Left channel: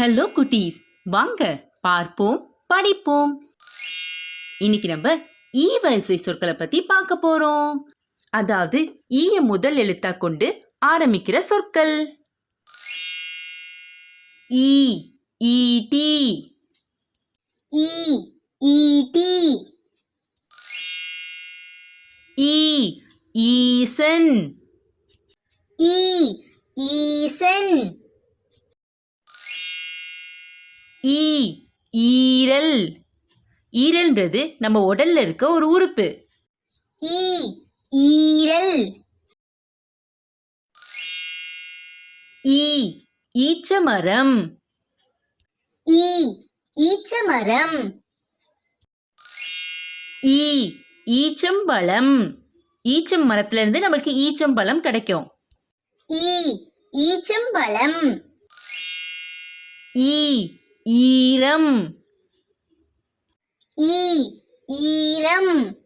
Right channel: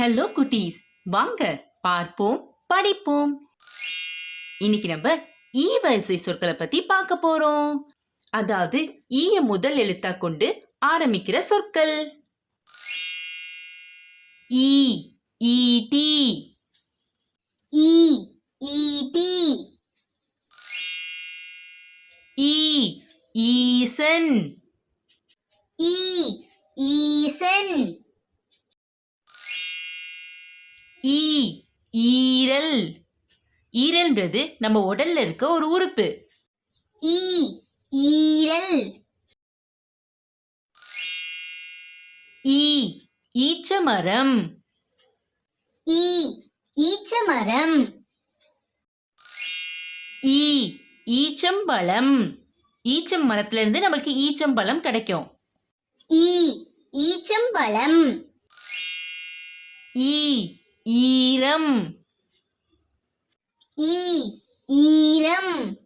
Hello குட்டீஸ். வாங்க பார்ப்போம் படிப்போம். இன்னைக்கு நம்ம ஈ வரிசை சொற்களை பத்தி பார்க்க போறோம். அதாவது ஈய முதல் எழுத்தா கொண்டு ஆரம்பிக்கிற சொற்கள். ஈ ஈடி ஈ ஈடி ஈ ஈசன் ஈ ஈசன் ஈ ஈரல். ஈரல்ன்றது நம்ம உடல்ல இருக்க ஒரு உறுப்பு. ஈ ஈரல். ஈ ஈச்சமரம். ஈ ஈச்சமரம். ஈ ஈச்சம்பழம். ஈச்சம் மரத்துல இருந்து நம்மளுக்கு ஈச்சம்பழம் கிடைக்கும். ஈ ஈச்சம்பழம். ஈ ஈரம். ஈ ஈரம்.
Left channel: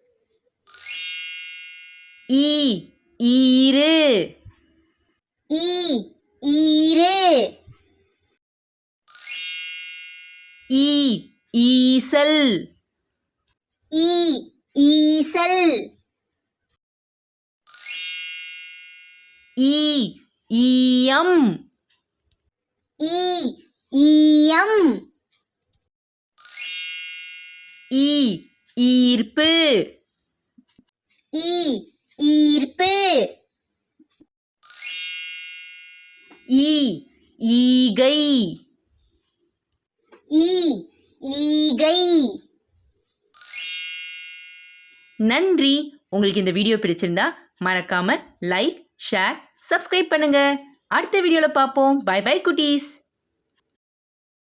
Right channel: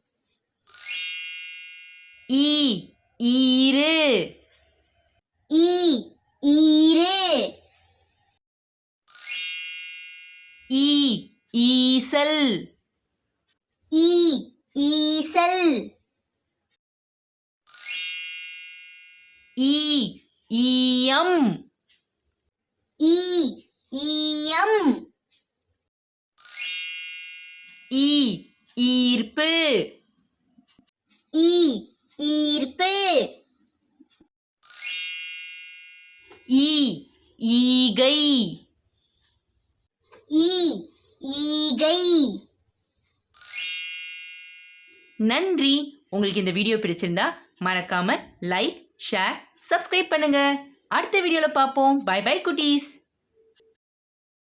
ஈ ஈரு ஈ ஈரு ஈ ஈசல். ஈ ஈசல். ஈ ஈயம். ஈ ஈயம் ஈ ஈர்ப்பு. ஈ ஈர்ப்பு. ஈ ஈகை. ஈ ஈகை. நன்றி. உங்களுக்கு இந்த வீடியோ பிடிச்சிருந்தா மறக்காம லைக் ஷேர் சப்ஸ்கிரைப் பண்ணுங்க. அடுத்த வீடியோல பார்ப்போம். பை பை குட்டீஸ்.